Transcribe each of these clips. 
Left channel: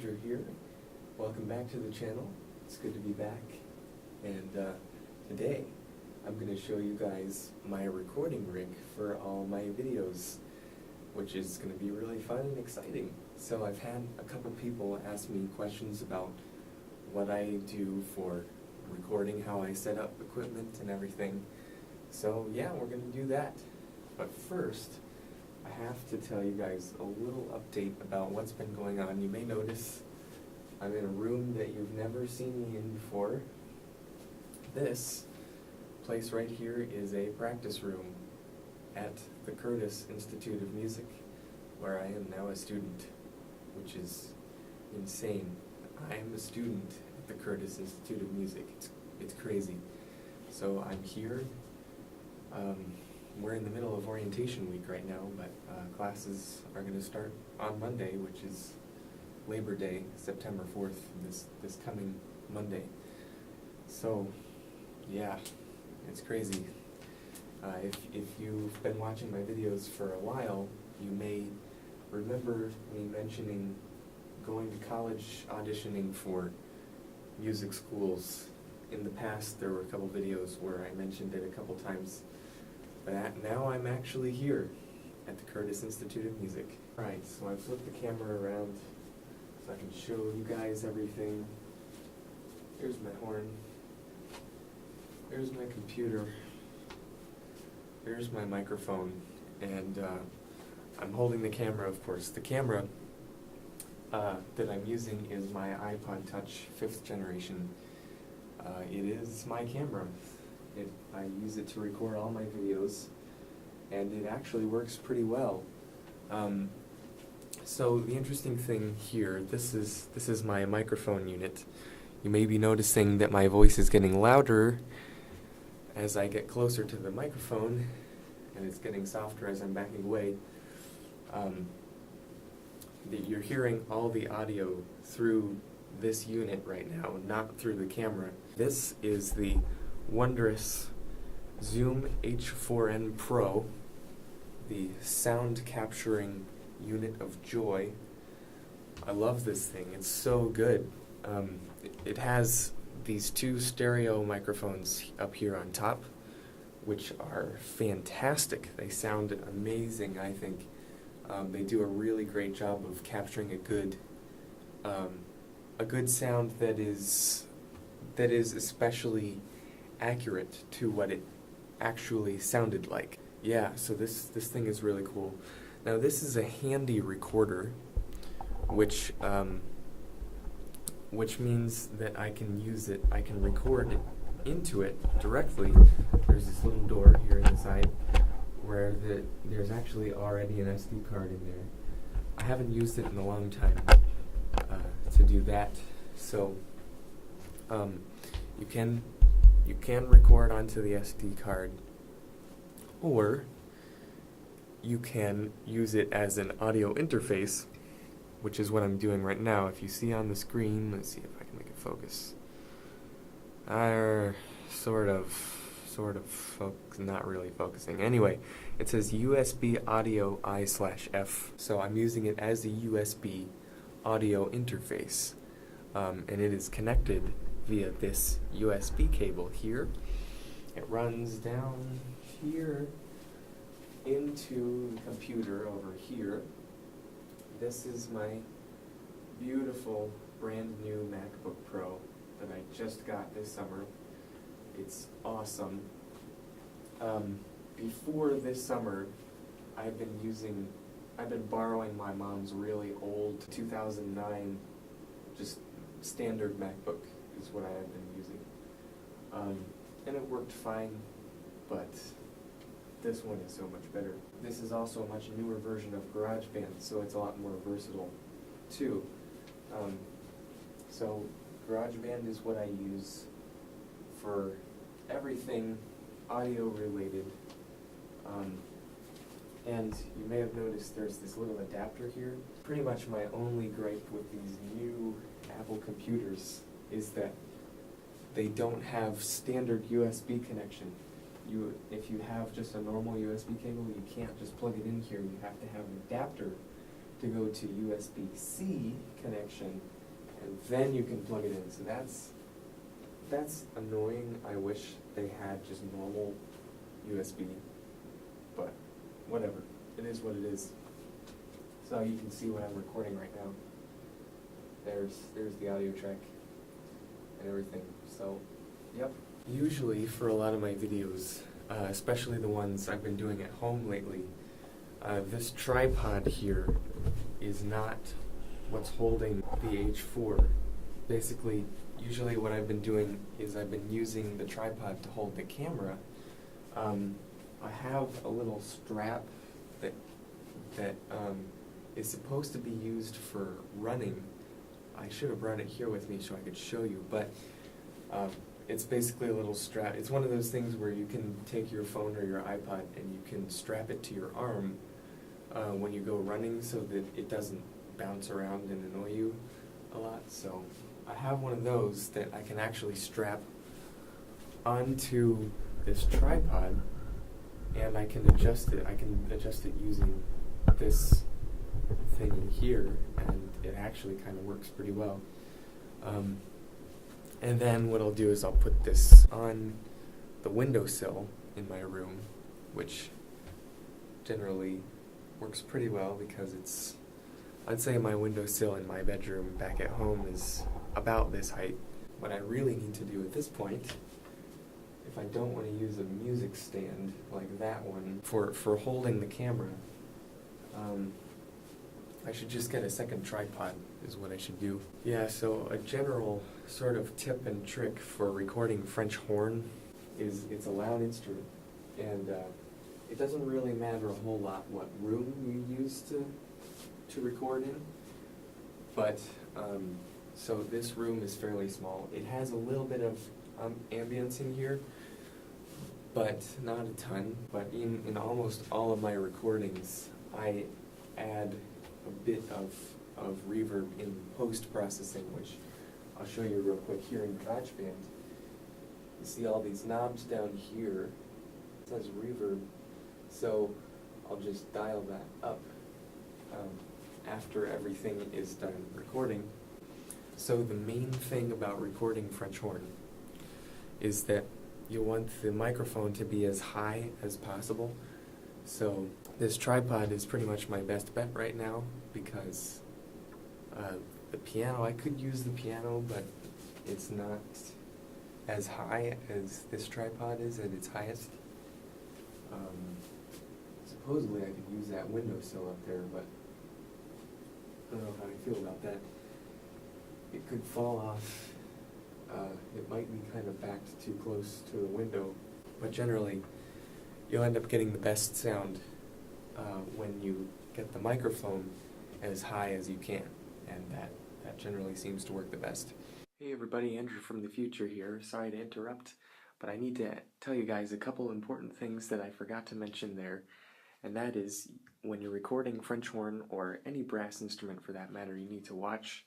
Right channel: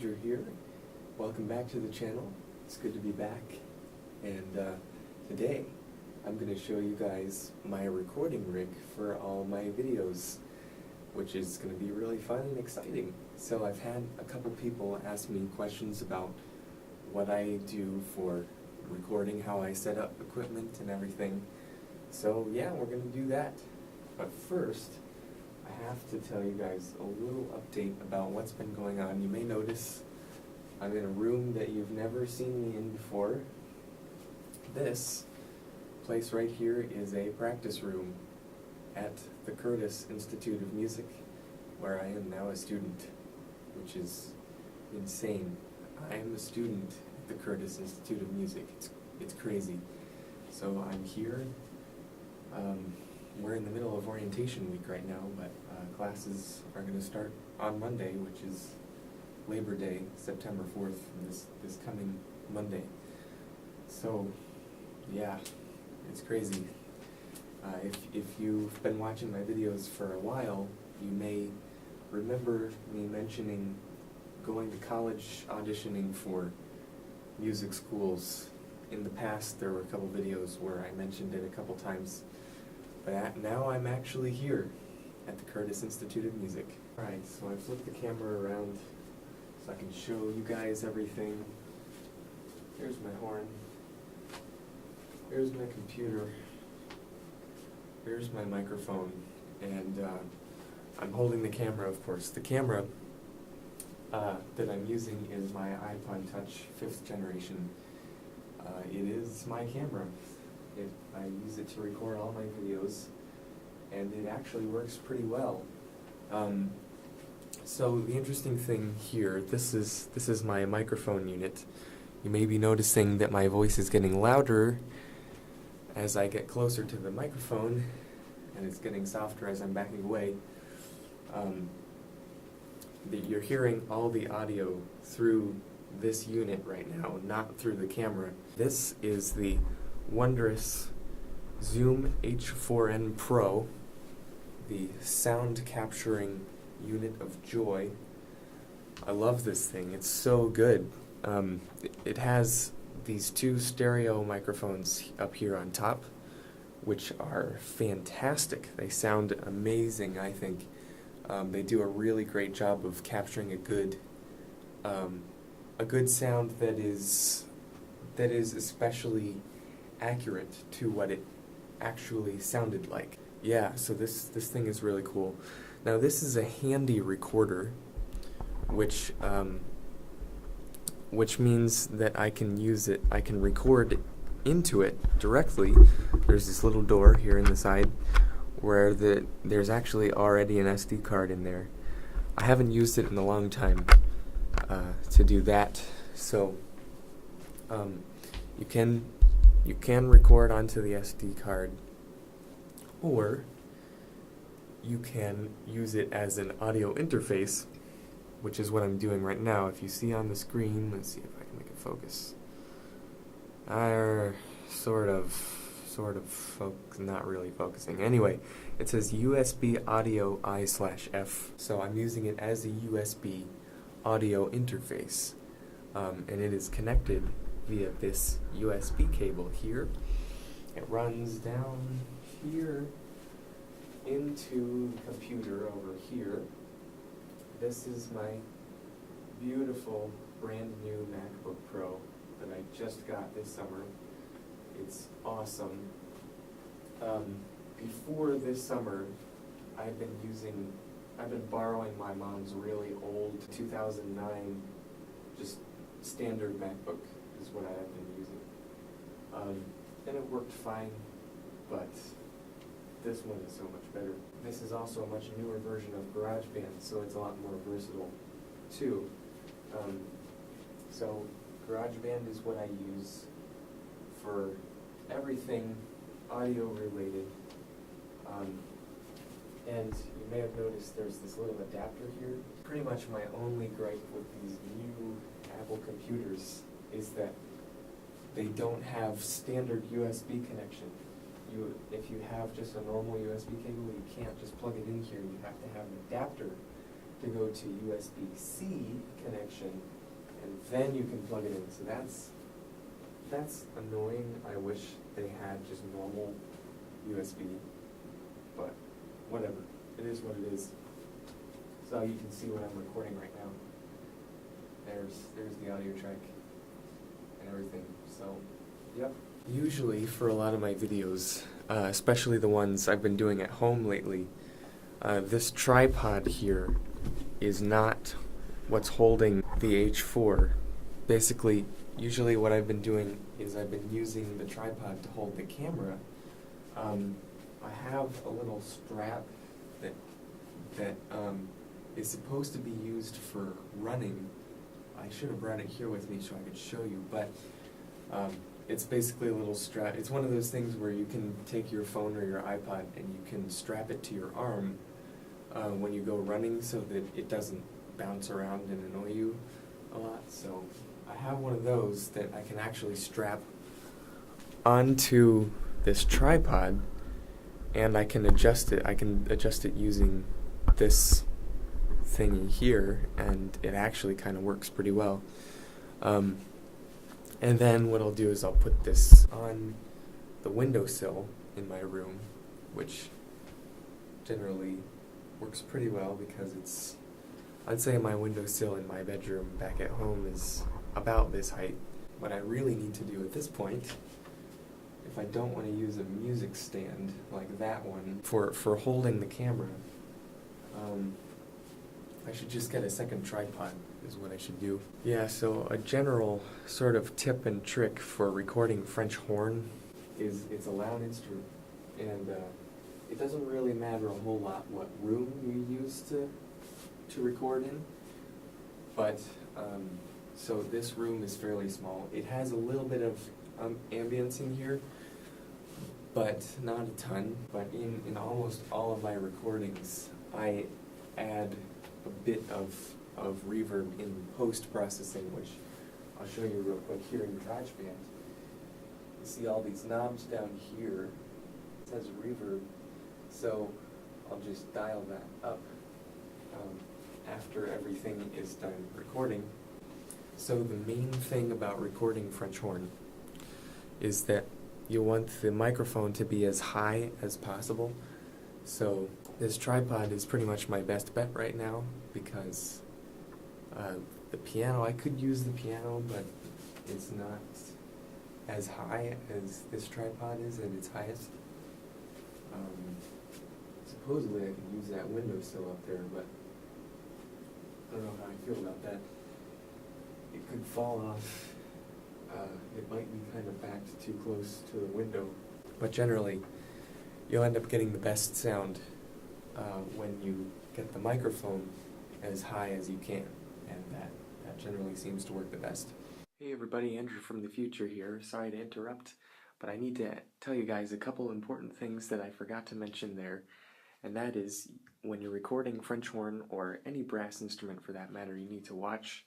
Ranger here. Welcome back to the channel. It's good to be back. And today I'm going to show you guys my recording rig for all my videos, which is going to be really fun and exciting. So I've had a couple people ask me questions about what I do for recording, how I set up equipment and everything. So yeah, we're going to do that. But first, I have to tell you guys a little update about what's been going on. You may notice I'm in a room that you've never seen me in before. This place right here is a practice room at the Curtis Institute of Music, where I am now a student, which is insane. I am a student at the Curtis Institute of Music. It's crazy. So I'm here. We're in the middle of orientation week right now, but classes are going to start on Monday, which is Labor Day, September 4th, this coming Monday. So, yeah, it's crazy. If you've been watching my videos for a while, you may remember me mentioning going to college auditioning for music schools. In the past, there were a couple videos where I mentioned it a couple times. But now I'm actually here at the Curtis Institute of Music. Alright, so I've flipped the camera around so I can show you guys everything. Here's my horn. Here's my computer. Here's my microphone. And I'm holding the camera, of course. The camera that I'm using is my iPod Touch 5th generation. It is my camera. I use it to record all my videos, and it actually works pretty well. So the interesting thing here, this is my microphone unit. You may be noticing that my voice is getting louder as I get closer to the microphone, and it's getting softer as I'm backing away. You're hearing all the audio through this unit right now, not through the camera. This is the wondrous Zoom H4n Pro, the sound capturing unit of joy. I love this thing. It's so good. It has these two stereo microphones up here on top, which are fantastic. They sound amazing, I think. They do a really great job of capturing a good sound that is especially accurate to what it actually sounded like. Yeah, so this thing is really cool. Now this is a handy recorder, which means that I can use it, I can record into it directly. There's this little door here in the side where there's actually already an SD card in there. I haven't used it in a long time to do that, so you can record onto the SD card, or you can use it as an audio interface, which is what I'm doing right now. If you see on the screen, let's see if I can make it focus. Not really focusing. Anyway, it says USB audio I/F, so I'm using it as a USB audio interface, and it is connected via this USB cable here. It runs down here into the computer over here. This is my beautiful brand new MacBook Pro that I just got this summer. It's awesome. Before this summer, I've been borrowing my mom's really old 2009 just standard MacBook is what I have been using. And it worked fine, but this one is so much better. This is also a much newer version of GarageBand, so it's a lot more versatile too. So GarageBand is what I use for everything audio related. And you may have noticed there's this little adapter here. Pretty much my only gripe with these new Apple computers is that they don't have standard USB connection. If you have just a normal USB cable, you can't just plug it in here. You have to have an adapter to go to USB-C connection, and then you can plug it in. So that's annoying. I wish they had just normal USB, but whatever. It is what it is. So you can see what I'm recording right now. There's the audio track and everything. So, yep. Usually for a lot of my videos, especially the ones I've been doing at home lately, this tripod here is not what's holding the H4. Basically, usually what I've been doing is I've been using the tripod to hold the camera. I have a little strap that is supposed to be used for running. I should have brought it here with me so I could show you, but it's basically a little strap. It's one of those things where you can take your phone or your iPod and you can strap it to your arm when you go running so that it doesn't bounce around and annoy you a lot. So I have one of those that I can actually strap onto this tripod, and I can adjust it. I can adjust it using this thingy here, and it actually kind of works pretty well. And then what I'll do is I'll put this on the windowsill in my room, which generally works pretty well because I'd say my windowsill in my bedroom back at home is about this height. What I really need to do at this point, if I don't want to use a music stand like that one for holding the camera, I should just get a second tripod is what I should do. Yeah, so a general sort of tip and trick for recording French horn is it's a loud instrument, and it doesn't really matter a whole lot what room you use to record in, but so this room is fairly small. It has a little bit of ambience in here, but not a ton. But in almost all of my recordings, I add a bit of reverb in post-processing, which I'll show you real quick here in GarageBand. You see all these knobs down here. It says reverb, so I'll just dial that up after everything is done recording. So the main thing about recording French horn is that you want the microphone to be as high as possible. So this tripod is pretty much my best bet right now because the piano, I could use the piano, but it's not as high as this tripod is at its highest. Supposedly I could use that windowsill up there, but I don't know how I feel about that. It could fall off. It might be kind of backed too close to the window, but generally you'll end up getting the best sound when you get the microphone as high as you can, and that generally seems to work the best. Hey everybody, Andrew from the future here. Sorry to interrupt, but I need to tell you guys a couple important things that I forgot to mention there, and that is when you're recording French horn or any brass instrument for that matter, you need to watch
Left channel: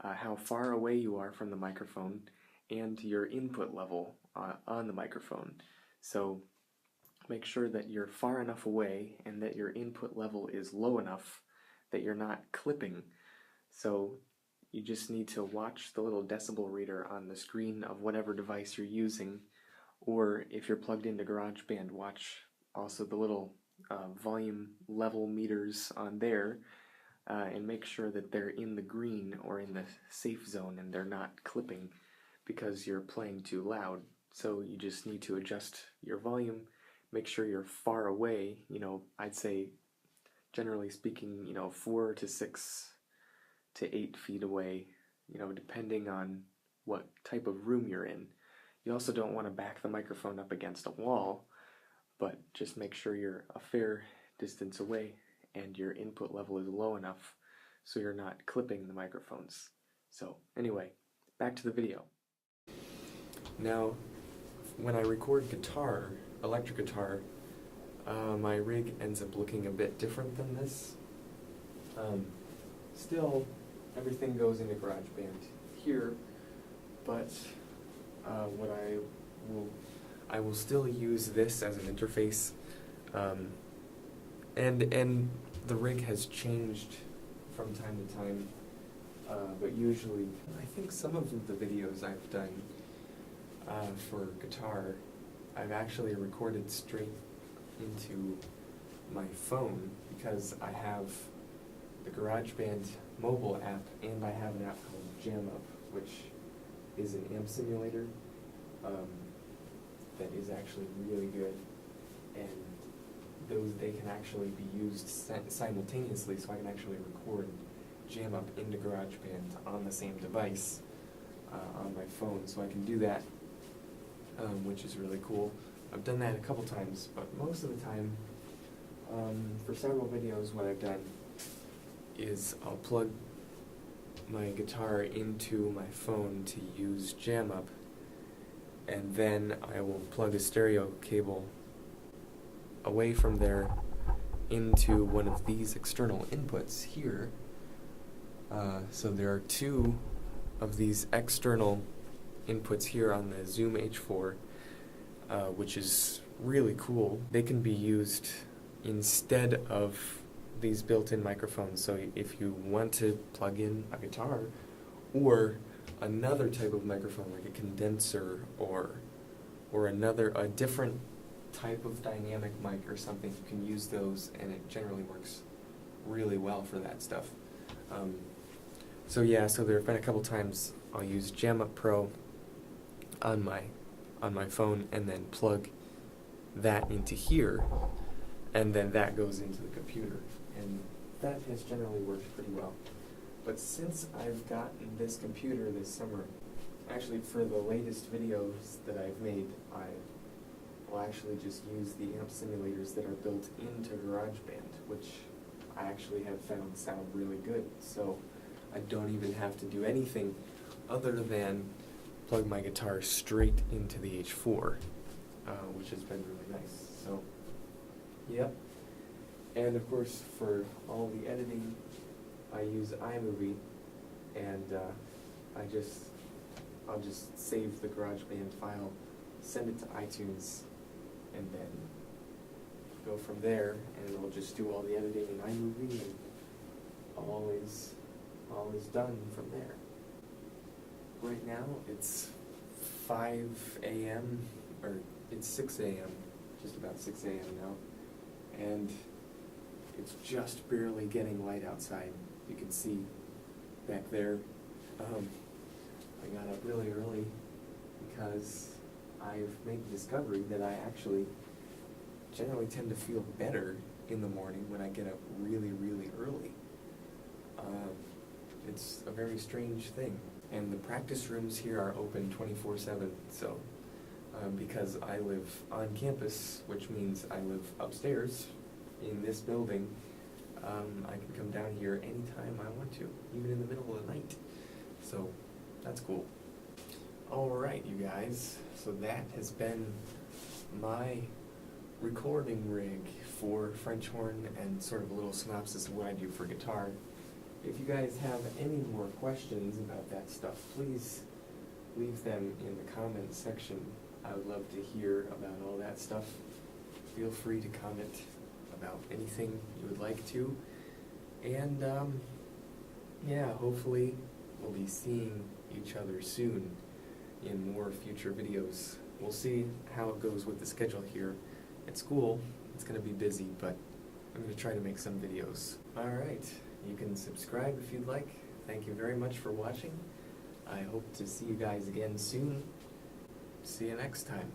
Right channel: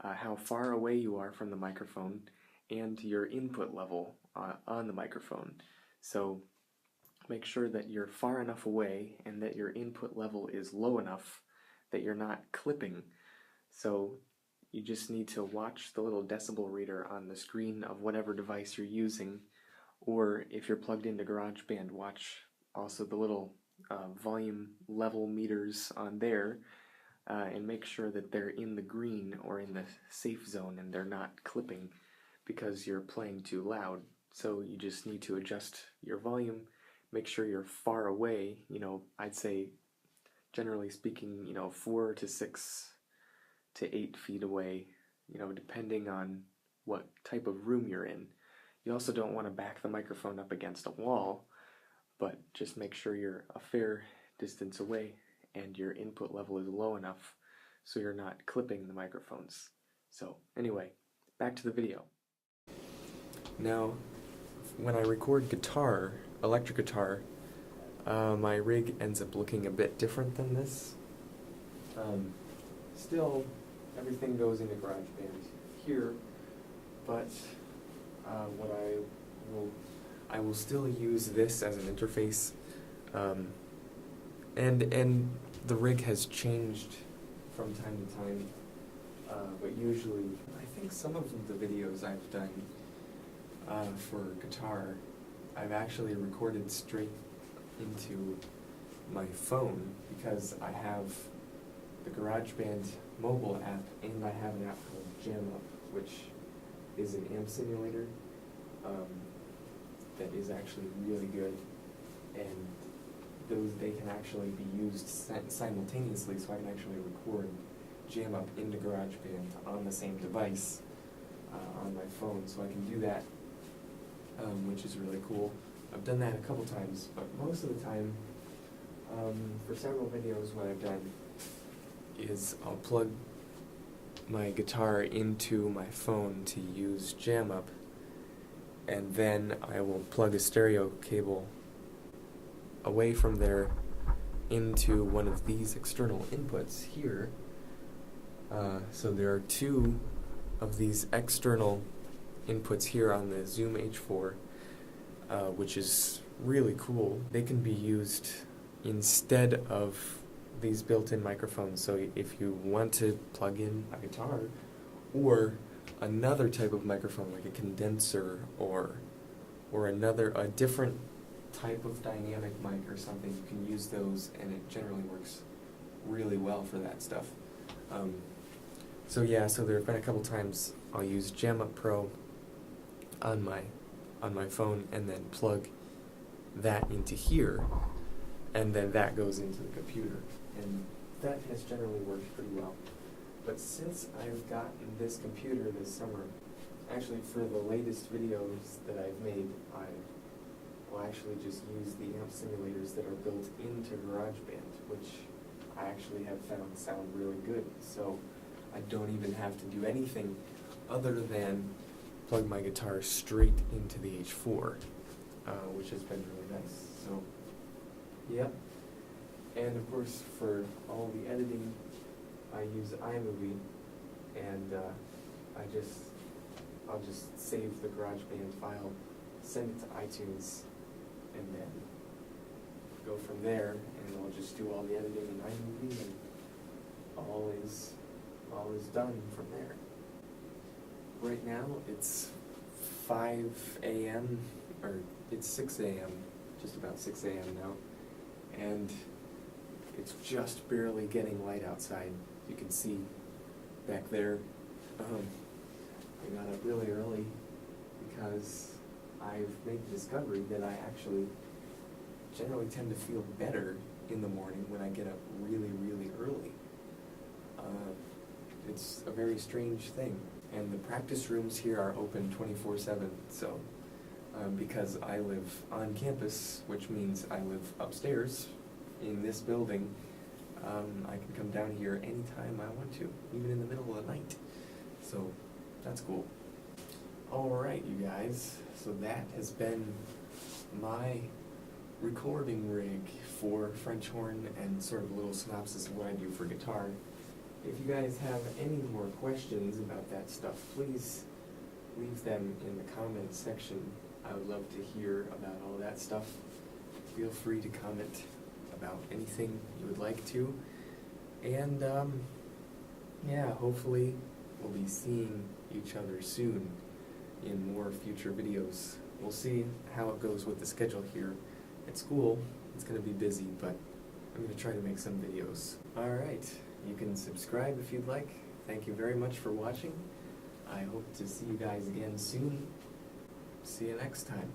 how far away you are from the microphone and your input level on the microphone. So make sure that you're far enough away and that your input level is low enough that you're not clipping. So you just need to watch the little decibel reader on the screen of whatever device you're using, or if you're plugged into GarageBand, watch also the little volume level meters on there, and make sure that they're in the green or in the safe zone and they're not clipping because you're playing too loud. So you just need to adjust your volume, make sure you're far away, I'd say generally speaking, 4 to 6 to 8 feet away, depending on what type of room you're in. You also don't want to back the microphone up against a wall, but just make sure you're a fair distance away and your input level is low enough so you're not clipping the microphones. So anyway, back to the video. Now, when I record guitar, electric guitar, my rig ends up looking a bit different than this. Still, everything goes into GarageBand here, but what I will still use this as an interface, and the rig has changed from time to time, but usually, I think some of the videos I've done for guitar, I've actually recorded straight into my phone because I have the GarageBand mobile app and I have an app called JamUp, which is an amp simulator that is actually really good, and they can actually be used simultaneously, so I can actually record JamUp into GarageBand on the same device on my phone, so I can do that, which is really cool. I've done that a couple times, but most of the time, for several videos, what I've done is I'll plug my guitar into my phone to use JamUp, and then I will plug a stereo cable away from there into one of these external inputs here. So there are two of these external inputs here on the Zoom H4, which is really cool. They can be used instead of these built-in microphones. So if you want to plug in a guitar or another type of microphone like a condenser or a different type of dynamic mic or something, you can use those, and it generally works really well for that stuff. So there have been a couple times I'll use JamUp Pro on my phone and then plug that into here, and then that goes into the computer, and that has generally worked pretty well. But since I've gotten this computer this summer, actually for the latest videos that I've made, I will actually just use the amp simulators that are built into GarageBand, which I actually have found sound really good. So I don't even have to do anything other than plug my guitar straight into the H4, which has been really nice. So, yep. And of course, for all the editing, I use iMovie, and I'll just save the GarageBand file, send it to iTunes, and then go from there, and I'll just do all the editing in iMovie, and all is done from there. Right now it's 5 a.m. or it's 6 a.m. just about 6 a.m. now, and it's just barely getting light outside. You can see back there. I got up really early because I've made the discovery that I actually generally tend to feel better in the morning when I get up really, really early. It's a very strange thing. And the practice rooms here are open 24/7, so because I live on campus, which means I live upstairs in this building, I can come down here anytime I want to, even in the middle of the night. So that's cool. Alright, you guys, so that has been my recording rig for French horn and sort of a little synopsis of what I do for guitar. If you guys have any more questions about that stuff, please leave them in the comments section. I would love to hear about all that stuff. Feel free to comment about anything you would like to. And hopefully we'll be seeing each other soon in more future videos. We'll see how it goes with the schedule here at school. It's going to be busy, but I'm going to try to make some videos. Alright, you can subscribe if you'd like. Thank you very much for watching. I hope to see you guys again soon. See you next time.